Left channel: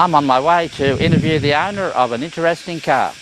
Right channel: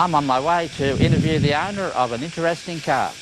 I'm on my way to interview the owner of an interesting car.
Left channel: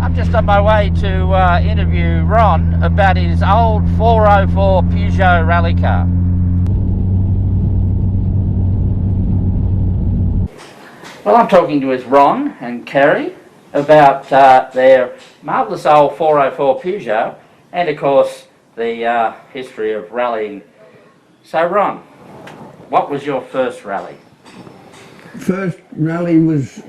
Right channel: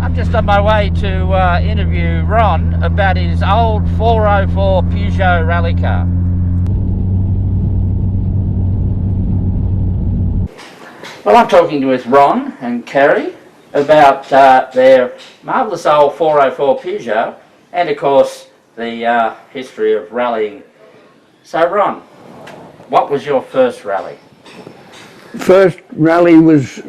I'm just on my way to interview Ron about his old 404 Peugeot rally car. Well, I'm talking with Ron and Kerry about their marvellous old 404 Peugeot and, of course, the history of rallying. So, Ron, what was your first rally? First rally was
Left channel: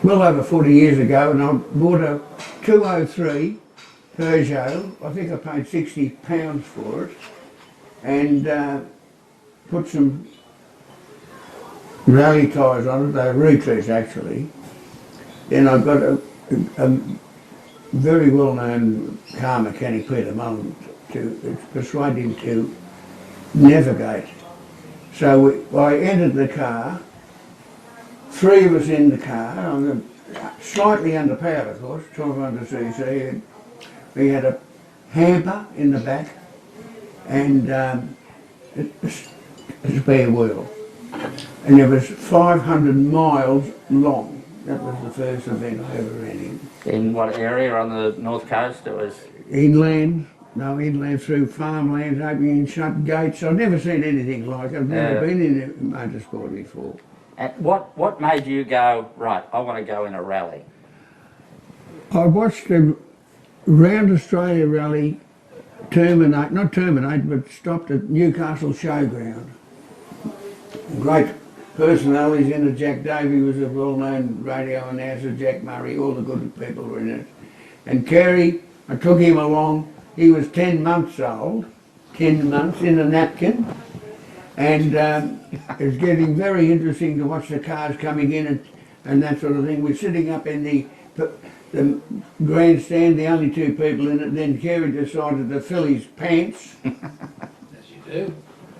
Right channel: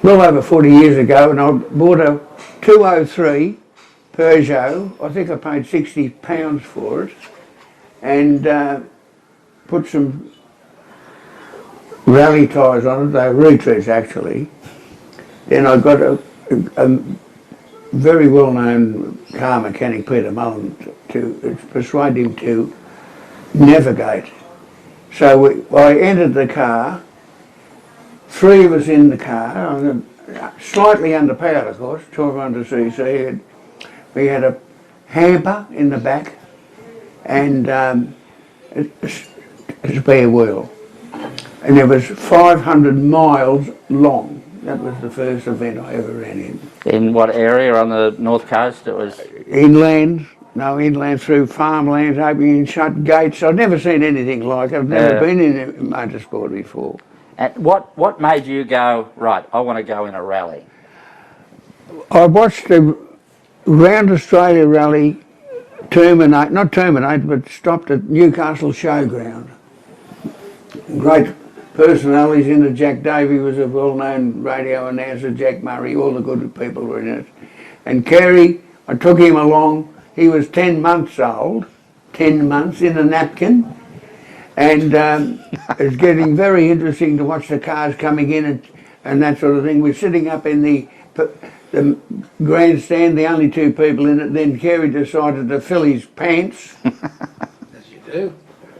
well over 40 years ago, and I bought a 203 Peugeot. I think I paid £60 for it, and put some rally tyres on it. They were retreads actually. Then I got a very well-known car mechanic, Peter Mullen, to persuade him to navigate. So I entered the car. Three of us in the car, slightly underpowered of course, 1200cc. We had a hamper in the back and a spare wheel. And it was 500 miles long. That was the first event I ever ran in. In what area on the north coast? It was Inland through farmlands, opening and shut gates. I've never seen anything like it. I've never been in motorsport before. And what made you go, right, I want to go in a rally? I watched the Round Australia rally not terminate, but stopped at Newcastle Showground. Great personalities in it. Jack Davey was a well-known radio announcer, Jack Murray, all the good people were in it. And Kerry, I took him along. He was 10 months old, 10 months in a napkin. And it's getting very interesting to watch the cars coming in and that sort of thing. We're sitting up in the grandstand, the only two people in it. Then Kerry decided to fill his pants. As you do.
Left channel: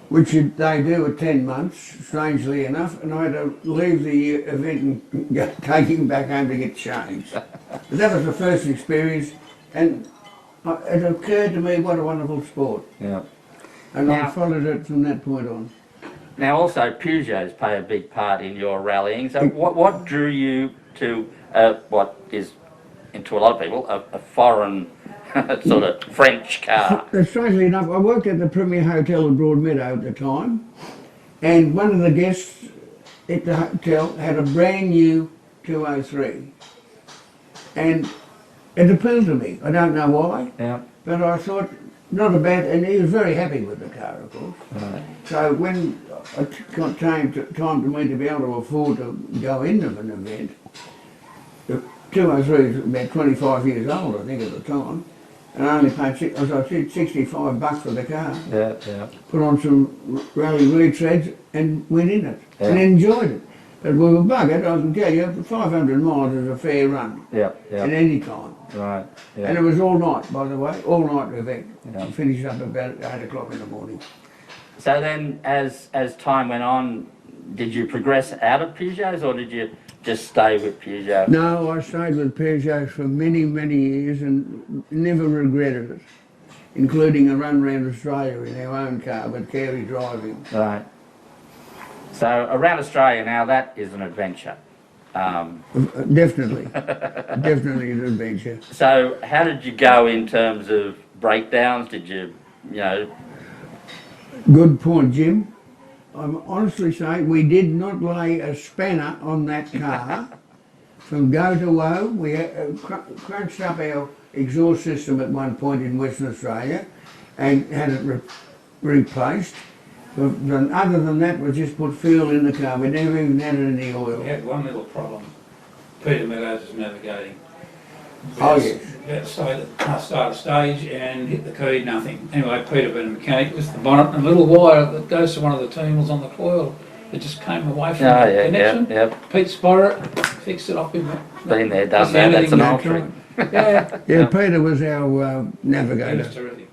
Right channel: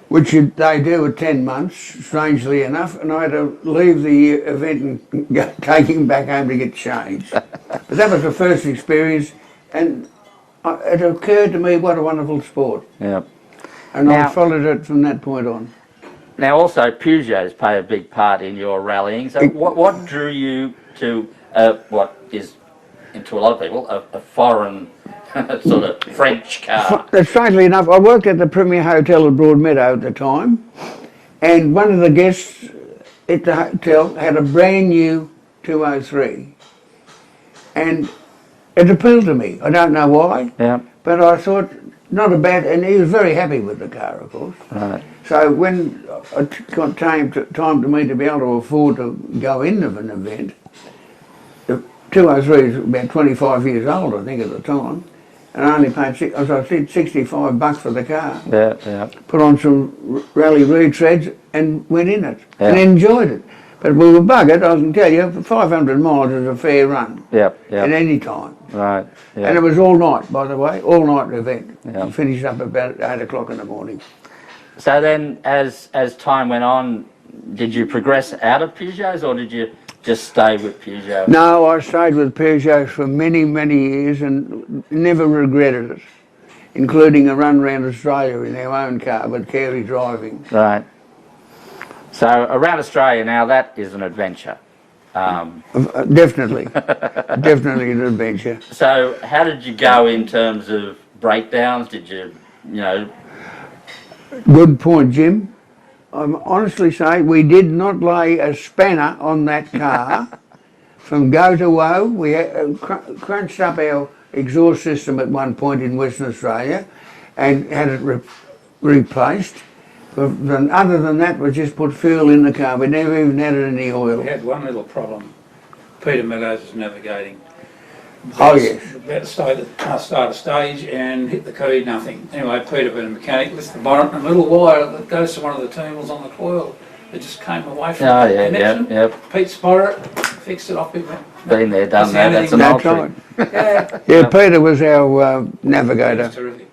Which they do at 10 months, strangely enough. And I had to leave the event and take him back home to get changed. But that was the first experience. And it occurred to me, what a wonderful sport. Yeah. And I followed it from that point on. Now also Peugeots play a big part in your rallying. So what drew you to what is, to a lot of people, a foreign sort of French car? Strangely enough, I worked at the Premier Hotel at Broadmeadow at the time, and one of the guests at the hotel had a brand new 203. And it appealed to me. I don't know why, but I thought, not a bad, and he was very happy with the car, of course. Right. So when it got time to me to be able to afford to go into an event, the 203 is about 25 years old, I think, at the time, and I only paid, as I said, $65 for the car. Yeah. Put on some rally retreads and went in it, and enjoyed it. But we were buggered, I can tell you, 500 miles is a fair run. At any time. Right. Yep. And it was all night, by the way, all night event. Yep. Finished up about 8 o'clock in the morning. So then, as time went on, did you progress out of Peugeots, or did you just stay with Peugeot? No, I stayed with Peugeot for many, many years and never regretted it, including a run around Australia in our own car with Kerry driving. Right. So around Australia now, that is an adventure. Definitely, definitely an adventure. So how did you go in terms of breakdowns? Did you know? Good point, Jim. I'm honestly saying we did not lay a spanner on that car from go to woe. We crunched up our exhaust system at one point in Western Australia and had it replaced. But then, other than that, we just put fuel in the car. We never even added any oil. We had one little problem. Peter Milos was navigating. Oh, yes. About to start a stage and hit the key, nothing. Anyway, Peter being a mechanic, lifts the bonnet and a little wire that goes to one of the terminals on the coil. It just came away from Oh, the yeah, connection. Yep. Pete spotted it, fixed it off him. Been there, done That's that. That's an old That's trick. right. Yeah, Yeah, Peter was our he was navigator. terrific.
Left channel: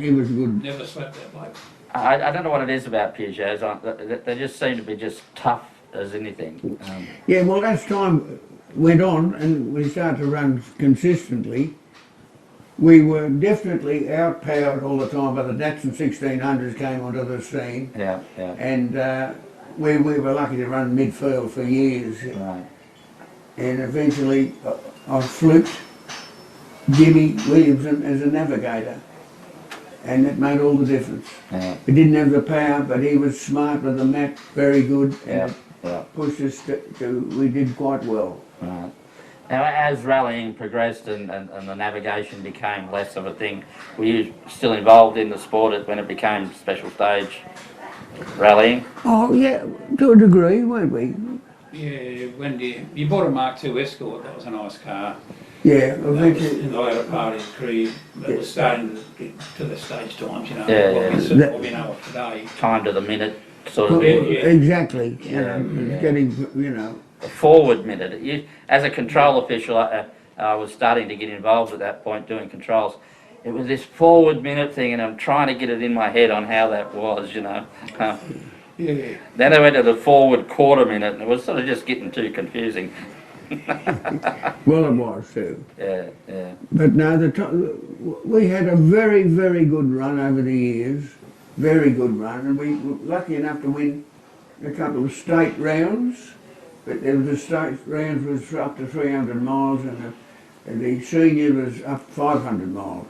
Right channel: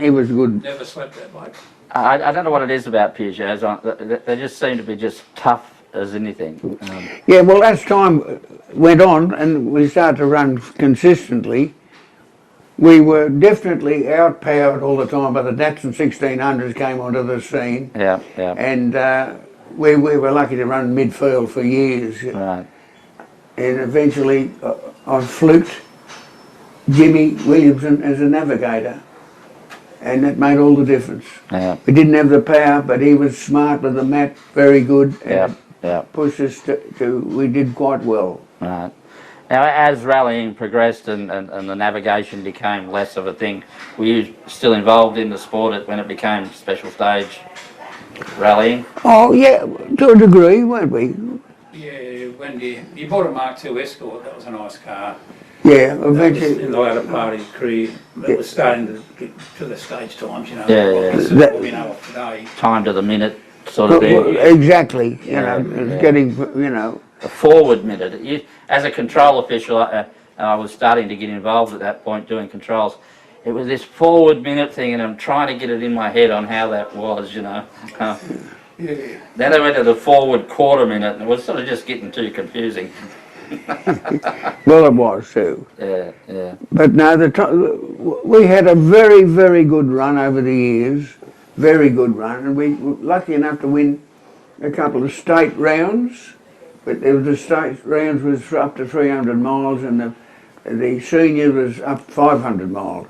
He was good. Never slept that bloke. I don't know what it is about Peugeots. They just seem to be just tough as anything. Yeah, well, as time went on and we started to run consistently, we were definitely outpowered all the time by the Datsun 1600s came onto the scene, Yeah, yeah. and we were lucky to run midfield for years. Right. And eventually I fluked Jimmy Williamson as a navigator, and that made all the difference. Yeah, We didn't have the power, but he was smart with the map, very good, and yeah, it yeah. pushed us we did quite well. Right. Now, as rallying progressed and the navigation became less of a thing, were you still involved in the sport when it became special stage rallying? Oh yeah, to a degree, weren't we? Yeah, when you bought a Mark II Escort, that was a nice car. Yeah, That was eventually. in the latter part of his career, but it was starting to get to the stage times, you know, Yeah, what yeah. we sort of what we know of today. Time to the minute sort Well, of thing. exactly, you Yeah, know, it's yeah. getting, you know, A forward minute. As a control official, I was starting to get involved at that point doing controls. It was this forward minute thing, and I'm trying to get it in my head on how that was, you know. Yeah. Then I went to the forward quarter minute, and it was sort of just getting too confusing. well, it was too. Yeah, yeah. But no, we had a very, very good run over the years, very good run, and we were lucky enough to win a couple of state rounds. But there was the state rounds was up to 300 miles, and the senior was up 500 miles.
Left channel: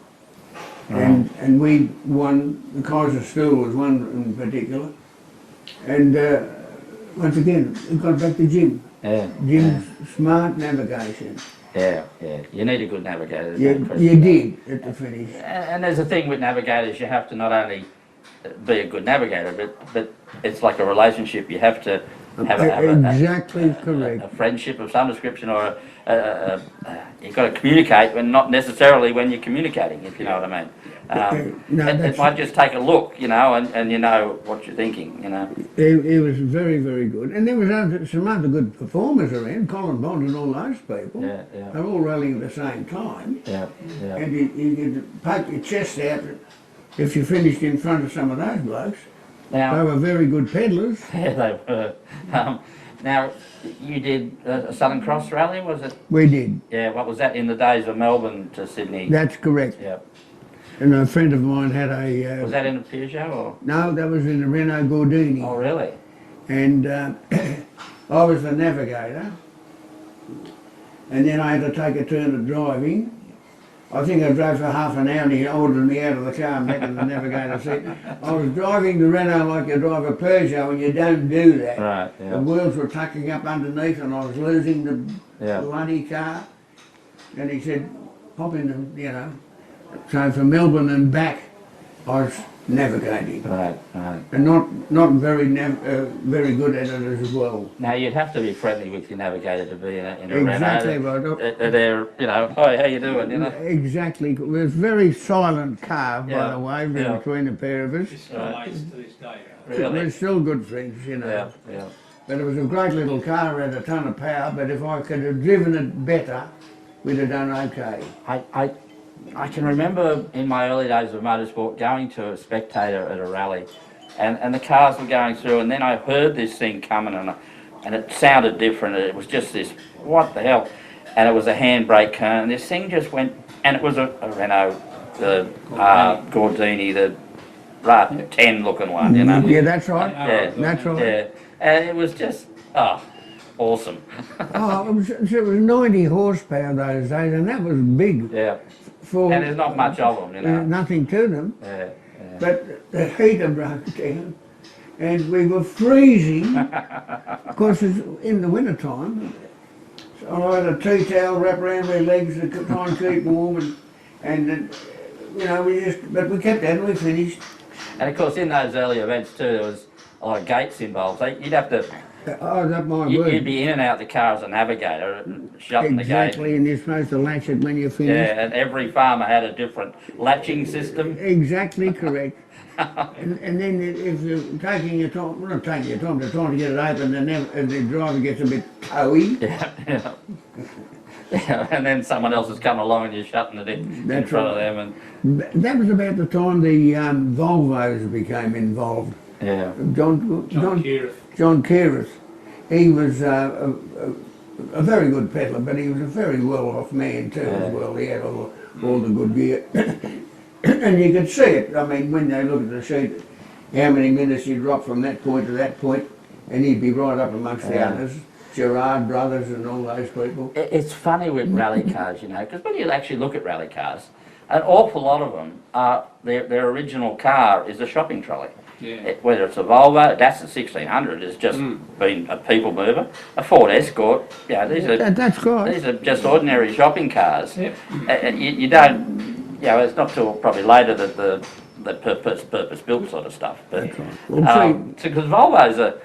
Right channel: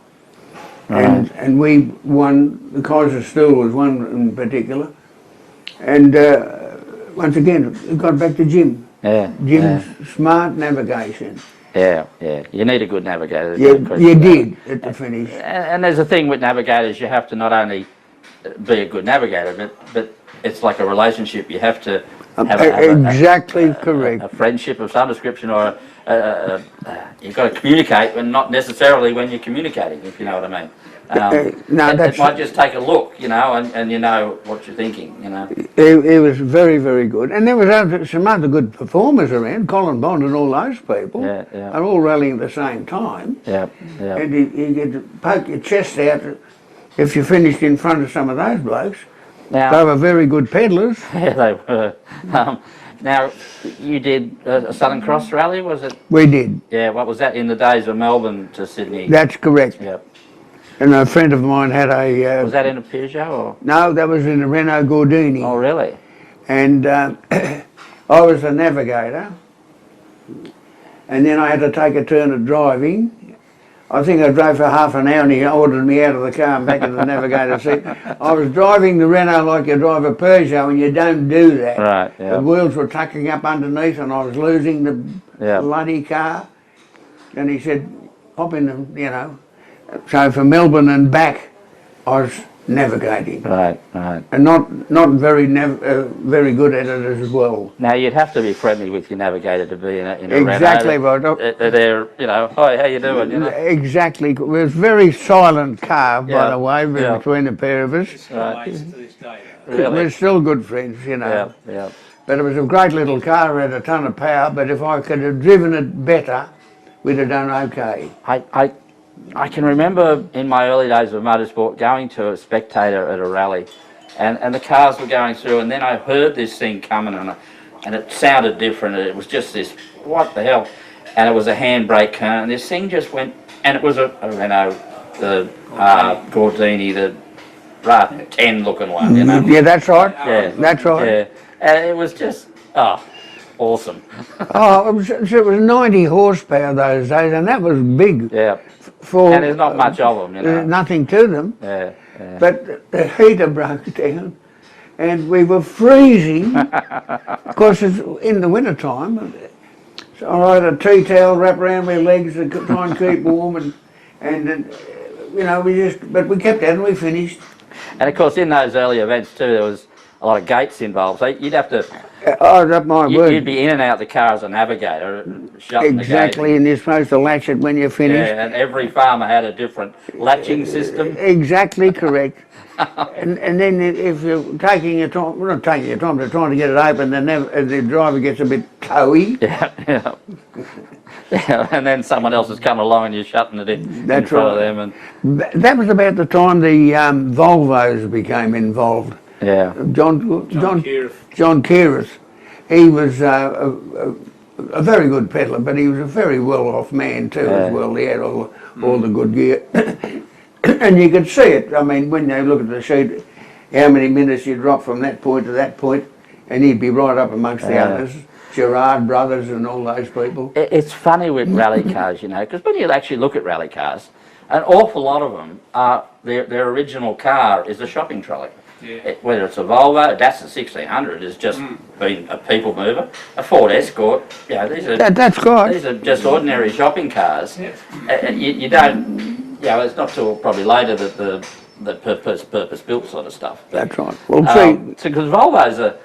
And we won. The Kaiser Stool was one in particular, and once again it got back to Jim. Yeah, Jim's smart navigation. yeah, yeah. You need a good navigator. You, no question you about it. did at the finish. And there's a thing with navigators, you have to not only be a good navigator, but it's like a relationship. You have to have Exactly correct. a friendship of some description, or you've got to communicate when not necessarily when you're communicating, if you know what I mean. No, it might just take a look, you know, and you know what you're thinking, you know. It was very, very good. And there was some other good performers around, Colin Bond and all those people. Yeah, yeah. Are all rallying at the same time. Yeah, yeah. And you get to poke your chest out if you finished in front of some of those blokes. They Now, were very good peddlers. yeah, they were. Now, you did a Southern Cross rally, was it? We did. Yeah, what was that in the days of Melbourne to Sydney? That's correct. Yeah. And a friend of mine had a... Was that in a Peugeot or? no, that was in a Renault Gordini. Oh, really? And I was the navigator, and then I had to take a turn at driving. I think I drove for half an hour and he ordered me out of the car and back in the navigator seat. I was driving the Renault like you drive a Peugeot, and you don't do that. Right, yeah. The wheels were tucking up underneath and I was losing the Yeah. bloody car. And he said, pop in, you know. So from Melbourne and back, I was navigating. Right, right. And not very very good at it as well. Now, you'd have to be friendly with your navigator to be in a Exactly Renault. right. They're, you know, hi, how you doing, you know? Exactly. It was a very silent car, by Yeah, the way, yeah. between the pair of us. It's still mates to this day. Really? We're still good friends, you know. Yeah, yeah. But it was a great little car, it had a ton of power, but if I could have driven it better, we'd have done okay. I can remember in my early days of motorsport going to a spectator at a rally, and the cars were going through, and then I heard this thing coming, and it sounded different. It was just this, what the hell? And it was a handbrake car, and this thing just went, and it was a Renault, the Gordini, the 10 looking one, you know. Yeah, that's right. Yeah. That's right. Yeah, and it was just, awesome. Oh, it was 90 horsepower those days, and that was big. Yeah, For and there's not much of them, you know. nothing to them. Yeah, yeah. But the heater broke down, and we were freezing. Of course, it's in the winter time. So I had a tea towel wrapped around my legs to try and keep warm, and you know, but we kept at it and we finished. And of course, in those early events too, there was a lot of gates involved. So you'd have to Oh, that my You'd word. be in and out the car as a navigator, shutting the gate. Exactly, and you're supposed to latch it when you're finished. Yeah, and every farmer had a different latching system. Exactly correct. And then if you're taking your time, well, not taking your time, but trying to get it open, then the driver gets a bit toey. Yeah, yeah. Yeah, and then someone else is coming along and you're shutting it in That's front of right. them. And That was about the time the Volvos became involved. yeah, John Keirth. John Keirth, he was a very good peddler, but he was a very well-off man too as well. He had all the good gear. And you could see it. I mean, when they look at the sheet, how many minutes you drop from that point to that point, and he'd be right up amongst the others, Gerard brothers and all those people. it's funny with rally cars, you know, because when you actually look at rally cars, an awful lot of them are their original car is a shopping trolley. Yeah. Whether it's a Volvo, a Datsun 1600 has just been a people mover, a Ford Escort, you know, these are just ordinary shopping cars. Yep. You don't, you know, it's not till probably later that the purpose built sort of stuff. But, That's right. Well, because Volvos are,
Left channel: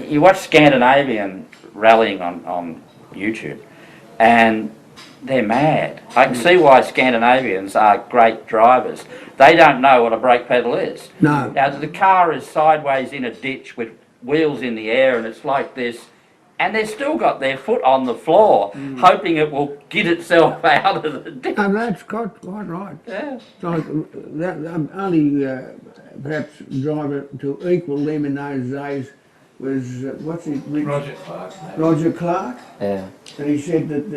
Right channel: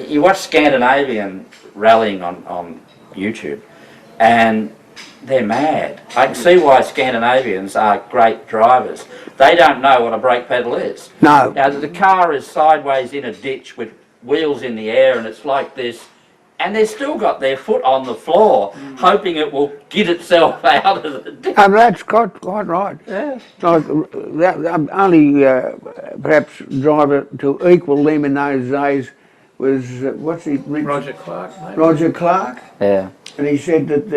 you watch Scandinavian rallying on YouTube, and they're mad. I can see why Scandinavians are great drivers. They don't know what a brake pedal is. No. Now, the car is sideways in a ditch with wheels in the air, and it's like this, and they've still got their foot on the floor, hoping it will get itself out of the ditch. and that's quite right. Yeah. Like that, only perhaps driver to equal them in those days was what's he? Roger Clark. Maybe. Roger Clark, Yeah. and he said that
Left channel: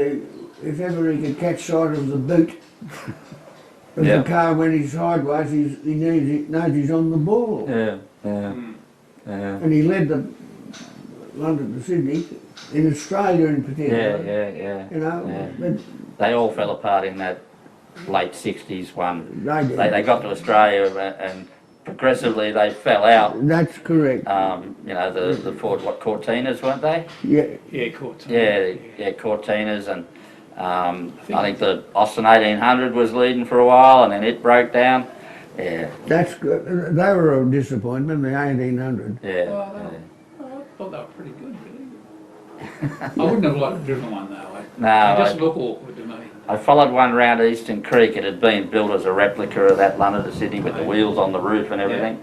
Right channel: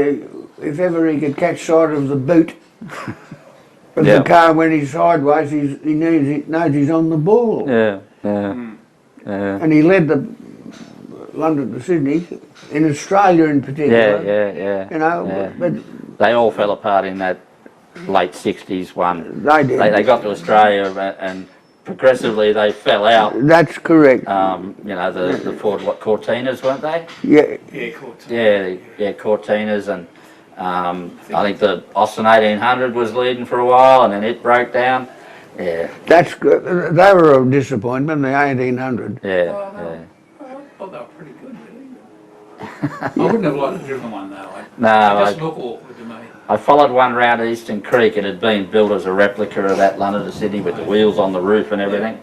if ever he could catch sight of the boot of Yeah. the car when he's sideways, he knows he's on the ball. Yeah. Yeah. Yeah. And he led the London to Sydney, in Australia in particular. Yeah. You know, Yeah. but They all fell apart in that late 60s one. they did. They got to Australia and progressively they fell out. That's correct. You know, the Ford, Cortinas, weren't they? Yeah, Yeah, Court. Yeah, Cortinas, and I think the Austin 1800 was leading for a while, and then it broke down. Yeah, that's good. They were a disappointment. The 1800. yeah, Well, yeah. I thought they were pretty good, really. I wouldn't have liked to driven one though. No, They just look awkward to me. I followed one round Eastern Creek. It had been built as a replica of that London to Sydney with the wheels on the roof and everything,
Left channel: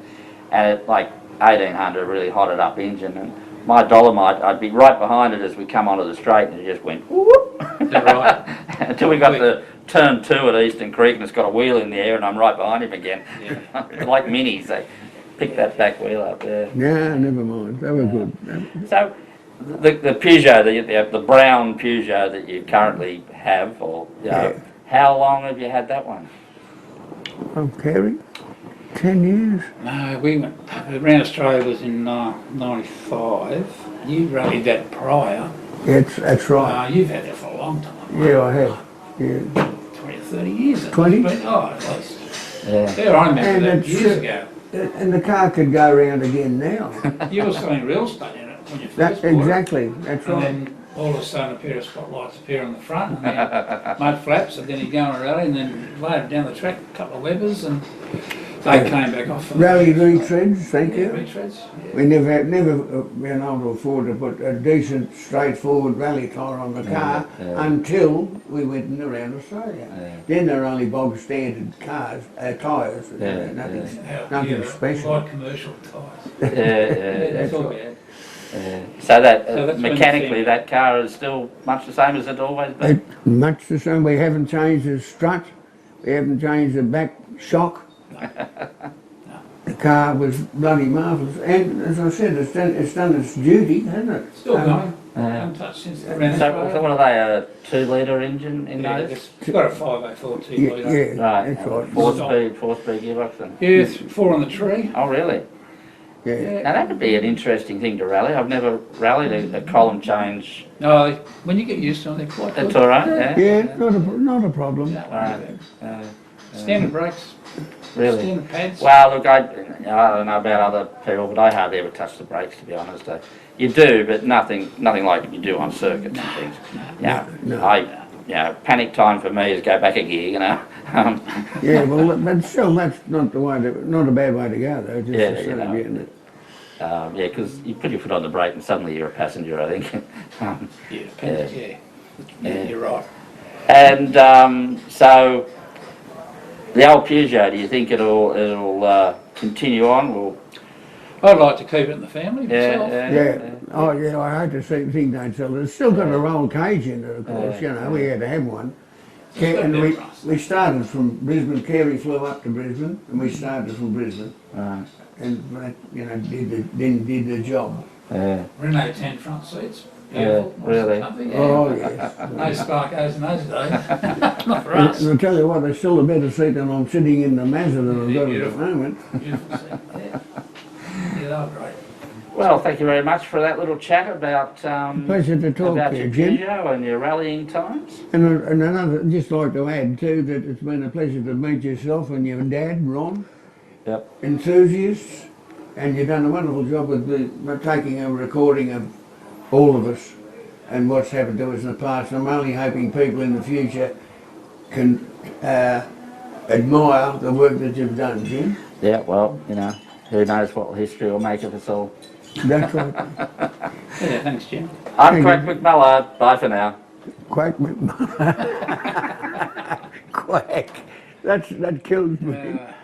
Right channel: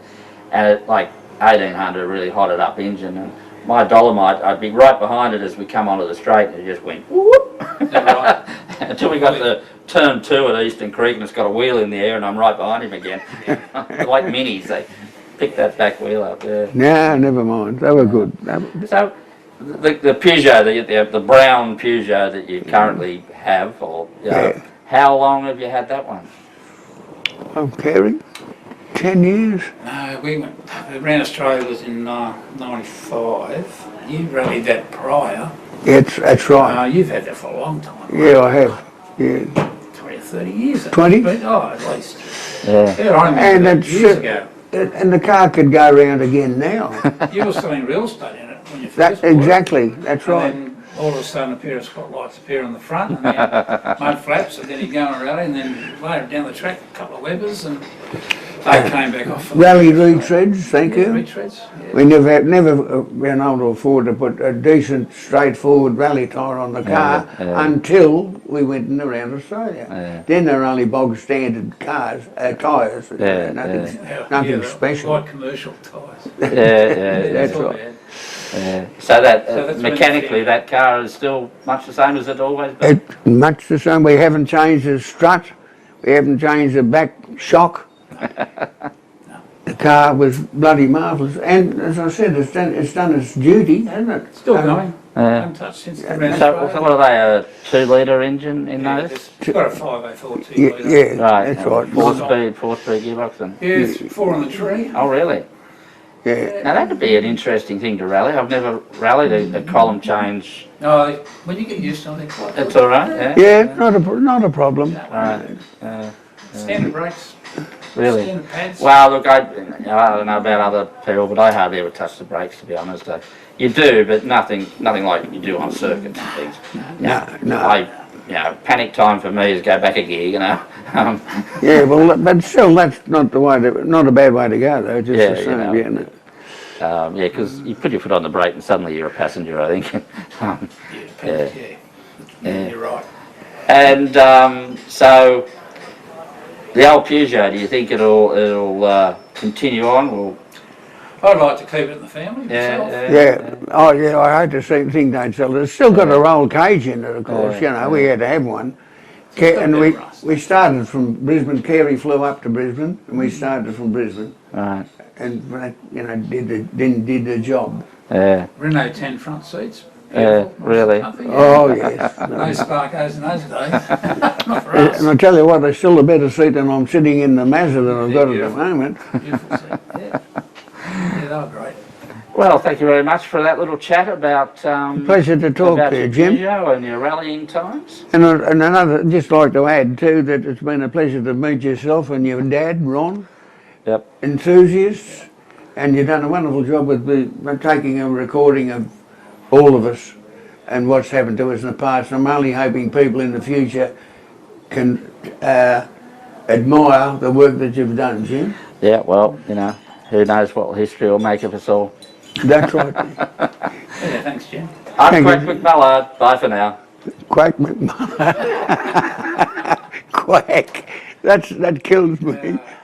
and it like 1800 really hotted up engine. And my Dolomite, I'd be right behind it as we come onto the straight, and it just went whoop. Is that right? Until we got to turn 2 at Eastern Creek, and it's got a wheel in the air, and I'm right behind him again. Like minis, they pick that back wheel up. Yeah. No, never mind. They were good. So, the Peugeot, the brown Peugeot that you currently have, or you know, Yeah. how long have you had that one? I'm caring. 10 years. No, we went around Australia was in '95. You rallied that prior. Yeah, that's right. You've had that for a long time. Yeah, I have. Yeah. 20 or 30 years. 20? At least. Yeah. Yeah, I remember And that it's, years ago. And the car could go round again now. You were selling real estate in it when you first bought Exactly. That's it. And right. then all of a sudden a pair of spotlights appear on the front and then mud flaps, and then you go on a rally, and then later down the track a couple of Webbers, and they came back off. Rally retreads, thank you. Retreads. Yeah. We never been able to afford to put a decent, straightforward rally tyre on the car until we went in around Australia. Yeah. Then they're only bog standard cars, tyres. Yeah, Nothing special. Light commercial tyres. Yeah. That's all right. bad. Yeah. So that So that's when mechanically, you that car is still much the same as it always been. It's much the same. We haven't changed the strut. We haven't changed the back shock. The car was bloody marvellous. And as I said, it's done its duty, hasn't it? Still going. Yeah. Untouched since the So Renault. what are they? A 2-litre engine in those? It's got a 504 2 Yeah, litre. yeah, Right. that's right. Four-speed gearbox. And, Yeah, it's 4 on the tree. oh, really? Yeah. Now that would be an interesting thing to rally. I've never rallied a column change. No, when you get used to them, they're quite good. It's all right. Yeah. Yeah, not a problem. Right. Standard brakes, Really. standard pads. Well, look, I don't know about other people, but I hardly ever touch the brakes, to be honest. You do, but nothing like you do on circuits and things. No. Panic time for me is go back a gear, you know. Yeah, well, but still, that's not a bad way to go, though. Just Yeah, the you same, know. yeah, Yeah, because you put your foot on the brake and suddenly you're a passenger, I think. Yeah, depends, yeah, you're right. And so the old Peugeot, do you think it'll continue on? I'd like to keep it in the family myself. Yeah. Oh, yeah. I hate to think they'd sell it. It's still got a roll cage in it, of course. You know, we had to have one. It's got a And bit of rust. we started from Brisbane. Carey flew up to Brisbane, and we started from Brisbane, Right. and did the job. Yeah. Renault 10 front seats. Yeah, Beautiful. really? Comfy, yeah. Oh yes. No Sparkos in those days. Not for And us. I tell you what, they're still a better seat than I'm sitting in the Mazda that I've got at the Beautiful. moment. Beautiful seat, yeah. Yeah, they were great. Well, thank you very much for that little chat about Pleasure to talk about to you, your Jim. Peugeot and your rallying times. And another, just like to add too, that it's been a pleasure to meet yourself and your dad, Ron, Yep. enthusiasts, and you've done a wonderful job with taking a recording of all of us and what's happened to us in the past. I'm only hoping people in the future can admire the work that you've done, Jim. Yeah. Well, you know, who knows what history will make of us all. That's right. Yeah, thanks, Jim. I'm Thank Quack you. McMullard. Bye for now. Quack McMahon. Quack. That kills me. Yeah.